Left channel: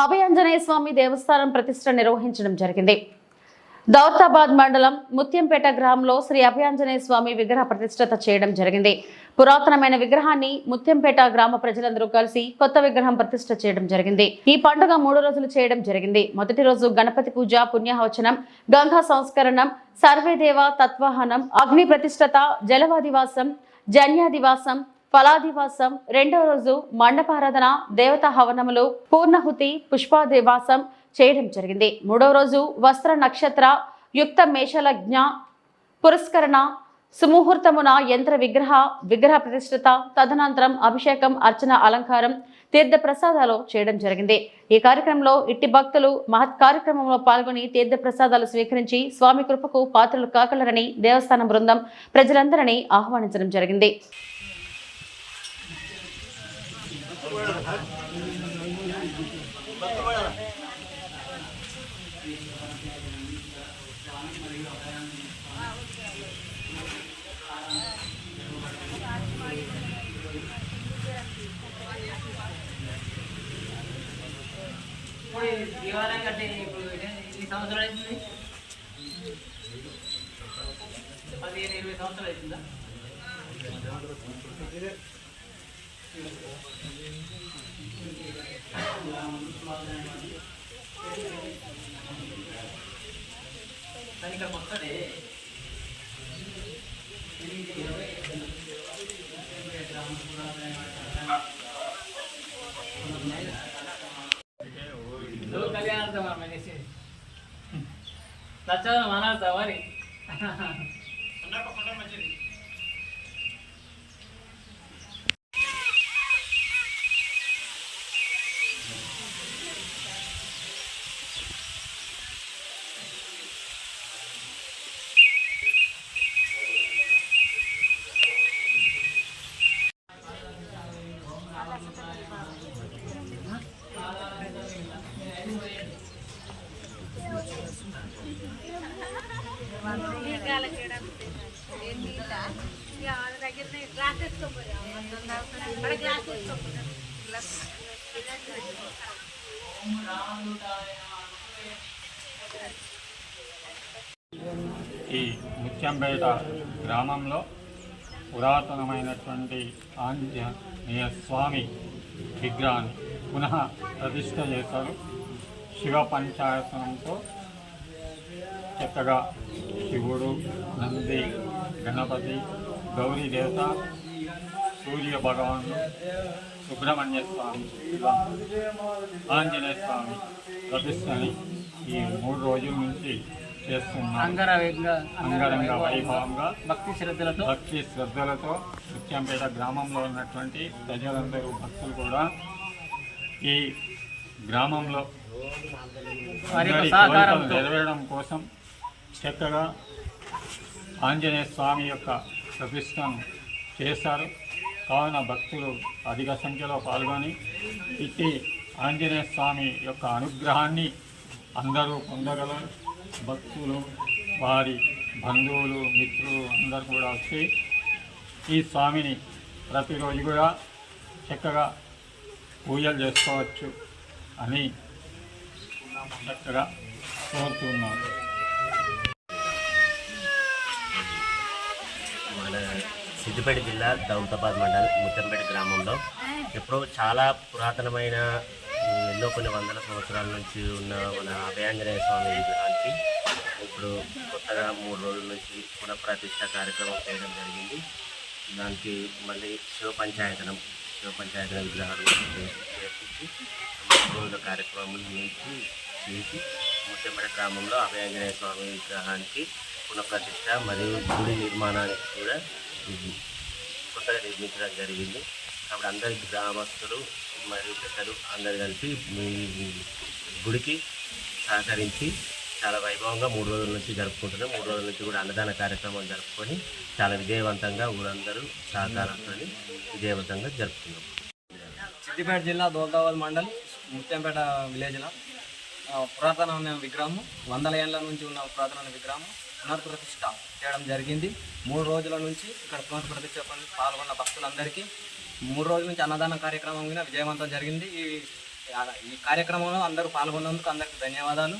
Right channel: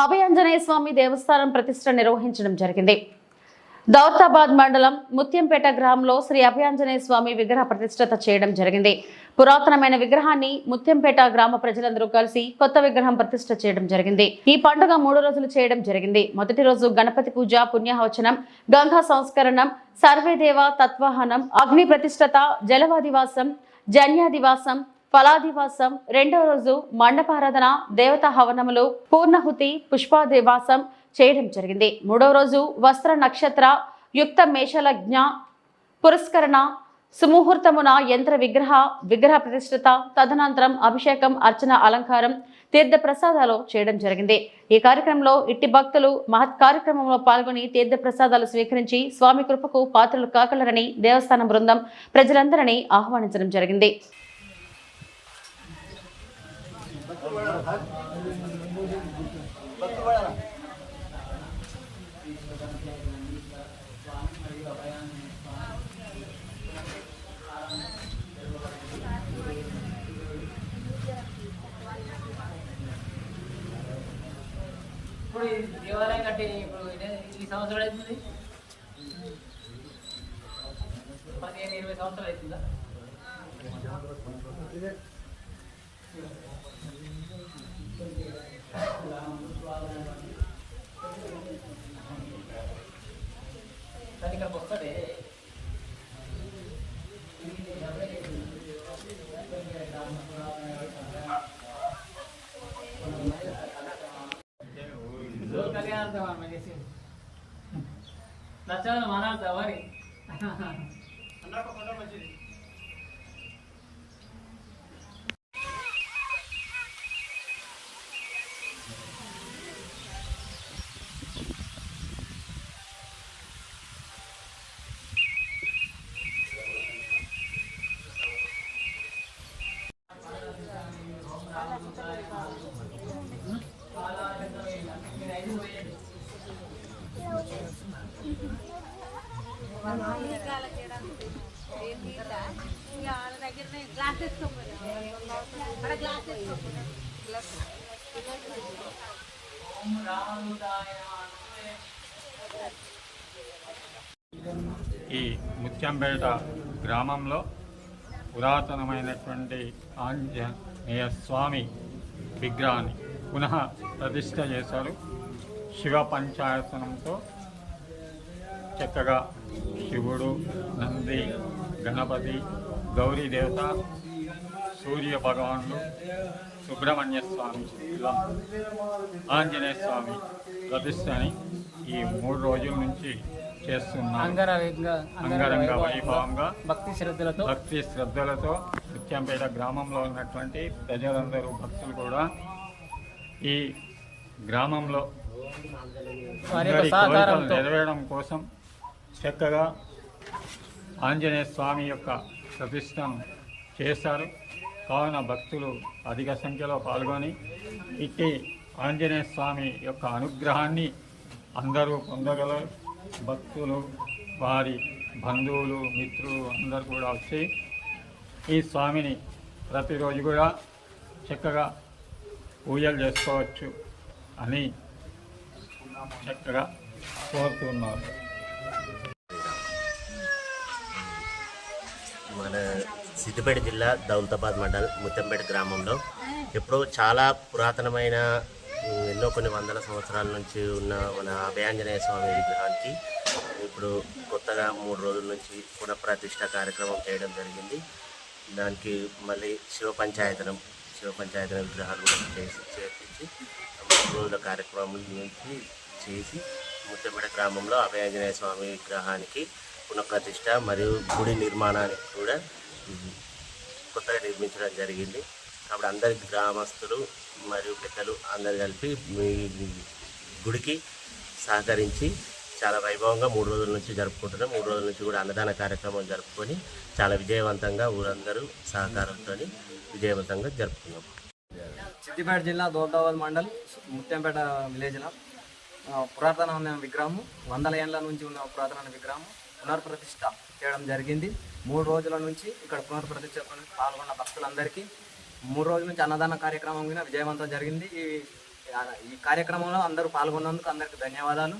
అభయాంజనేయ స్వామి దేవస్థానం ప్రతిష్ఠ నిర్వహించడం జరిగింది. దౌలతాబాద్ మండలం ముత్యంపేట గ్రామంలో శ్రీ అభయాంజనేయ స్వామి విగ్రహ ప్రతిష్ఠత చేయడం జరిగింది. పురాతనమైన విగ్రహాన్ని ముత్యంపేట గ్రామ ప్రజలందరూ కలిసి కొత్త విగ్రహం ప్రతిష్ఠ చేయడం జరిగింది. ఈ పండుగ 3 రోజులు చేయడం జరిగింది. మొదటి రోజు గణపతి పూజ, పుణ్యాహవచనం, గంగా సంస్కరణం, సర్వేదేవ తత్వాహనం, అగ్ని ప్రతిష్ఠత, జలవాదివాసం, జన్యాదివాసం, ఫలాదివాసం. రెండవ రోజు మండపారాధన, దేవతా హవనములు, పూర్ణహుతి, పుష్పాదివాసం చేయడం జరిగింది. మూడవ రోజు వస్త్ర నక్షత్ర యుక్త మేషలజ్ఞ పురస్కరణ, సుముహూర్తమున యంత్ర విగ్రహ ప్రతిష్ఠత, తదనంతరం అభిషేకం, అర్చన, అలంకారం, తీర్థ ప్రసాదాలు చేయడం జరిగింది. ఈ కార్యక్రమంలో ఇట్టి భక్తులు మహత్ కార్యక్రమంలో పాల్గొని తీర్థ ప్రసాదాలు స్వీకరించి స్వామి కృపకు పాత్రలు కాగలరని దేవస్థానం బృందం ప్రజలందరినీ ఆహ్వానించడం జరిగింది. దేవాలయం కట్టి ఈ సంవత్సరాలు అవుతుంది, 15-20 సంవత్సరాలు అవుతుందా? ఇక్కడికి వస్తాడే నచ్చదు మానవుతా మరి మంచిది. ఈ ముత్యంపేట గ్రామంలో పురాతనమైనటువంటి ఆంజనేయ స్వామి విగ్రహాన్ని పునః ప్రతిష్ఠ చేశారు. శివ పంచాయతనంతో చక్కగా శివుడు, నంది, గణపతి, గౌరీ దేవత, సూర్య భగవానుడు, సుబ్రహ్మణ్య స్వామి, ఇలా ఆంజనేయ స్వామి ప్రతిష్టని ఈ 3 రోజుల నుంచి చేస్తున్నారు. అంగరంగ వైభవంగా భక్తి శ్రద్ధలతో ముత్యంపేట గ్రామంలో ఉన్నటువంటి ప్రజలందరూ, భక్తులు కూడా ఈ గ్రామంలో కోరికలు నెరవేరడం కోసం చక్కగా ఆంజనేయ స్వామి యొక్క ప్రతిష్టను చేశారు. కావున భక్తులు అధిక సంఖ్యలో పాల్గొని ఇట్టి ఆంజనేయ స్వామి యొక్క అనుగ్రహాన్ని అందరూ పొందగల భక్తులు, వారి బంధువులు, మిత్రులు అందరూ కూడా వచ్చి ఈ స్వామిని ప్రతిరోజు కూడా చక్కగా పూజలు చేసుకోవచ్చు అని చక్కగా కోరుతున్నారు. మన సిద్దిపేట జిల్లా దౌలతాబాద్ మండల్ ముత్తంపేట గ్రామంలో ఎప్పుడో చాలా పురాతనమైన ఎన్నో కొన్ని వందల సంవత్సరాల నుంచి ఉన్న మన అభయాంజనేయ స్వామి విగ్రహానికి ఇప్పుడు కొత్తగా 3 రోజుల నుంచి పునఃప్రతిష్ఠ కార్యక్రమం చేయడం జరిగింది. దానికి మళ్ళీ శివ పంచాయతనం విగ్రహాలు చేర్పించి 3 రోజుల కార్యక్రమం నుంచి చేసి ముత్యంపేట గ్రామంలో అభయాంజనేయ స్వామి విగ్రహానికి పునఃప్రతిష్ఠ మరియు గుడి నిర్మాణానికి కూడా కొత్తగా నిర్మించడం జరిగింది. అప్పుడు అందరి గ్రామస్తులు మరియు పెద్దలు అందరు కలిపి మీ గుడికి సహకరించి చాలా వైభవంగా 3 రోజుల నుంచి జరుపుకుంటున్నాం. 3 రోజుల నుంచి కూడా అన్నదాన కార్యక్రమం జరుపుకొని చాలా విజయవంతంగా ఊరందరూ సహకారంతో విజయవంతంగా జరుపుకున్నాం. సిద్దిపేట జిల్లా దౌలతాబాద్ మండల్ ముత్యంపేట విలేజ్లో పురాతనమైన విగ్రహము, 100 ఏళ్ళ నుంచి ఉన్న పురాతనమైన విగ్రహము పునర్ప్రతిష్ఠ చేయడం జరిగింది. 3 రోజుల నుంచి ఇక్కడ పునర్ప్రతిష్ఠ పాల్గొన్న భక్తులందరికీ 3 రోజుల నుంచి అన్నదాన కార్యక్రమం కూడా విజయవంతం జరిగింది. ఈ ఈ కార్యక్రమంలో అందరూ పాల్గొన్నందుకు అందరికీ ధన్యవాదాలు.